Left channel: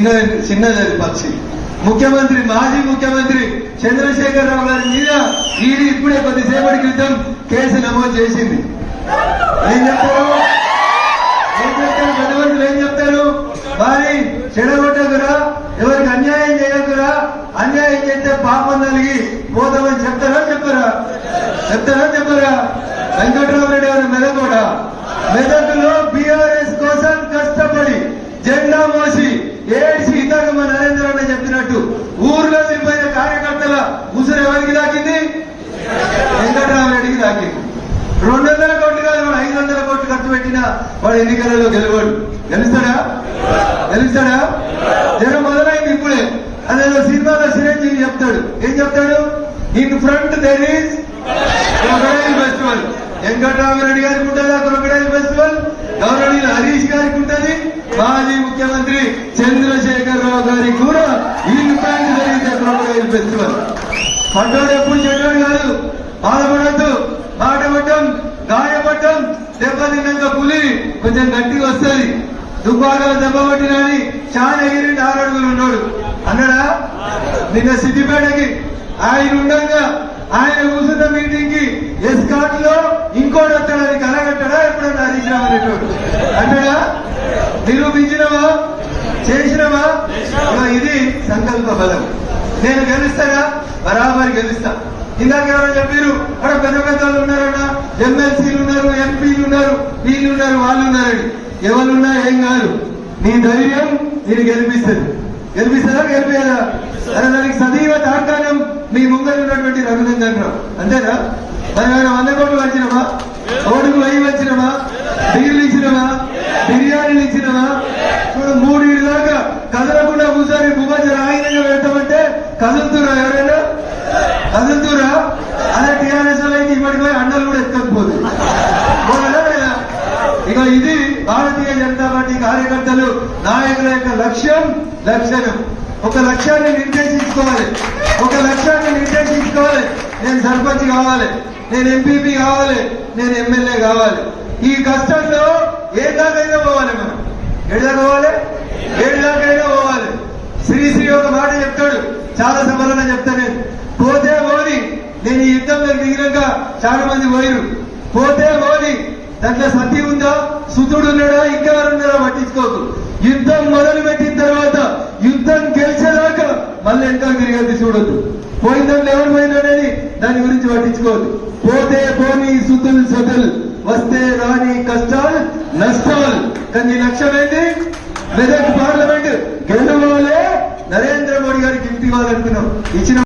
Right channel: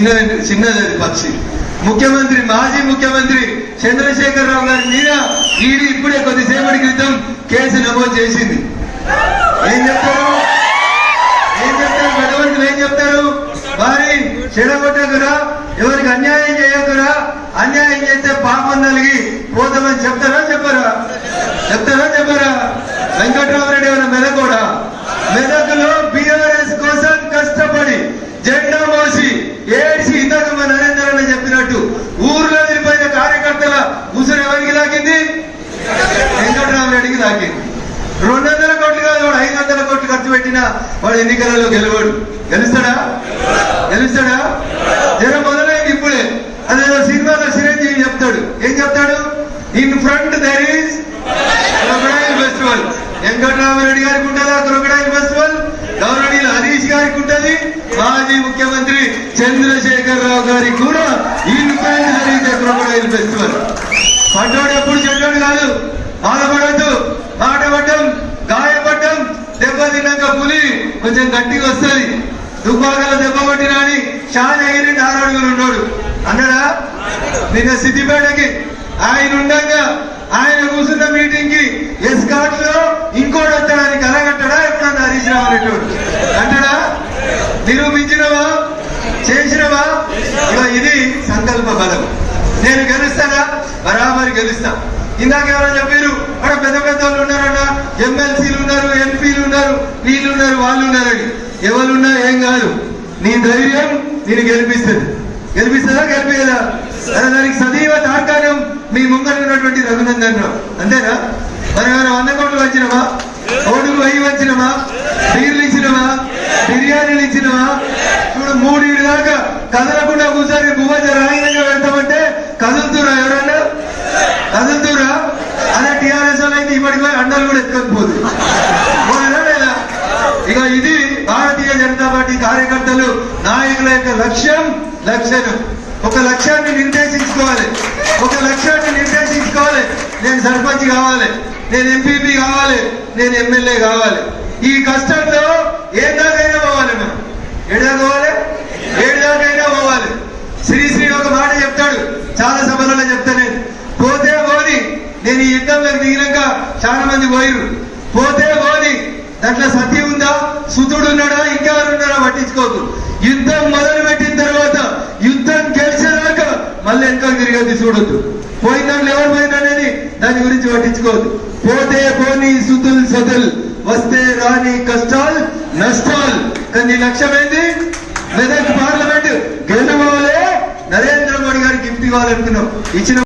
చిన్నది పక్షి. ముఖ్యమంత్రి మాజీ ముఖ్యమంత్రి చంద్రశేఖరరావు గారి మీద ఈడీ ఇప్పుడే కొద్దిసేపటి క్రితం కేసు నమోదు చేసింది. ఏం చెప్తారు గతవంతులు ఏం చెప్తారు? వారి చెడగొట్టకురా, ఎవరికి అన్యాయం చేయకురా, అన్యాయం చేస్తే పాపం నలిగి పోతామని చెప్తారా చెప్పరా? వెంకట్రామరెడ్డి గారు మెదకోడా మెదకులో బీఆర్ఎస్ కోసం కష్టపడి జెండా మోసి ఏడ్చి ఇందాక మా నరేంద్ర అన్న చెప్పినట్టు ఊర్లో వెళ్ళిపోయిన కార్యకర్తల ఉసురు ఎవరికి దాకింది? వెంకట్రామరెడ్డికి దాకింది. 200 కోట్లు కాదు, వాడు 500 కోట్లు ఖర్చు పెట్టినా వాడు ఎన్నికలలో గెలవాడు. గెలుస్తాడా? జనం మొదలైంది ఇప్పుడే. అదే సినిమాలో చిరంజీవి చెప్తాడు. ఏం చెప్తాడు? In front there is crocodile festival. Venkatramareddy గారికి ఉంటుందా క్రొకడైల్ ఫెస్టివల్? గౌరవనీయులు హరీష్ గారికి ఉంటుంది, మాజీ ముఖ్యమంత్రి చంద్రశేఖరరావు గారికి కూడా ఈ రూపాయలు జరిగితే క్రొకడైల్ ఫెస్టివల్. పడ్డాడు ఎప్పుడు చెడ్డాడు కాదు, బాధపడద్దు. మాట పడ్డం, గాయపడ్డం, దెబ్బ తిన్నాక పులి కొంచెం గట్టిగా వస్తుంది. దుబ్బాకల దెబ్బ కొట్టినా అని షాజగిరి 6 అడుగులు ఉన్నాడు అన్నాడా? నిన్న సిద్దిపేటకి ఆయన ఉండగా ఆయన కూర్చున్న మీటింగ్ కి ఎస్కాట్ లో ఇంకోటి వచ్చాడని కలగట్టడా? ఎప్పుడన్నా హరీష్ రావు రెడ్డి అంటాడా? నిరూపించినవా? చేసినవా? ఇది సంకల్ప బలం. నేను గెలుస్తానా? బరాబరి గెలుస్తా. ఇందాక ఎవరైనా చెప్పారు అక్కడ పెద్ద పెద్ద వాళ్ళు ఉన్నారన్నా, ఎమ్మెల్సీలు ఉన్నారు, ఎంపీలు ఉన్నారు, వీళ్ళు ఉన్నారు, వాళ్ళు ఉన్నారని. ఎవరున్నా ఏం కాదు, నీ ధైర్యం నేను గెలిపిస్తుందా గెలిపేదా? దానికి సదీవ తార్కాణం మీ ముంగర ఉన్నటువంటి రఘునందన్ రావు. అంతేనా? మరి 100 కోట్లు వచ్చినమా? రోడ్డుకు 1000 వచ్చినమా? బీర్లు ఇచ్చినమా? బిర్యానీలు ఇచ్చినమా? ఇప్పుడు 3 దాకా కదలకుండా కూర్చొని భూమధ్య రాయినంగా పెడతామంటే కదులుతురా? ఎవరన్నా కదులుతురా? అదే టీఆర్ఎస్ అయితే ఇప్పటికి పోయి అండలు కూడా ఎక్కకపోదు లేదా? ఇక ఇది భారతీయ జనతా పార్టీ కార్యకర్తలు నాయకుల యొక్క లక్ష్యం. ఒక లక్ష్యాన్ని నిర్దేశించుకోవాలి. నేను సర్పంచ్ కావాలి, నేను ఎంపీపీ కావాలి, నేను ఎమ్మెల్యే కావాలి. ఈ కష్టంలో ఏడాకైనా పోవాలి. మనం ఏడాకైనా పోవాలి. శ్రీశ్రీ ఒక మాట చెప్తాడు, చాలా సభలలో చెప్తా. నేను పోతే పోని, నేను ఈ యుద్ధంలో దిగినాక చాలా మంది పోయిరు. పోతే పోని, దాంట్లో సతీ ఉందా, సుతుడు ఉన్నాడా, ఇంకెవరున్నారా పట్టించుకోకు. యుద్ధం మొదలు పెట్టిన తర్వాత యుద్ధం గెలిచేదాకా మళ్ళీ వెనక తిరిగేది చూడొద్దు. పోయిన దాంట్లో ఎవరు పోయిందనేది దాని గురించి పట్టించుకోవద్దు. పోతే పోనీ సుతుల్ సతుల్, వస్తే రాని కష్టాలు నష్టాలు. కానీ లక్ష్యం ఏంటి? మెదక్ పార్లమెంట్ గెలవాలి, నరేంద్ర మోడీ గారికి గిఫ్ట్ ఇవ్వాలనుకున్నాం. ఇచ్చిన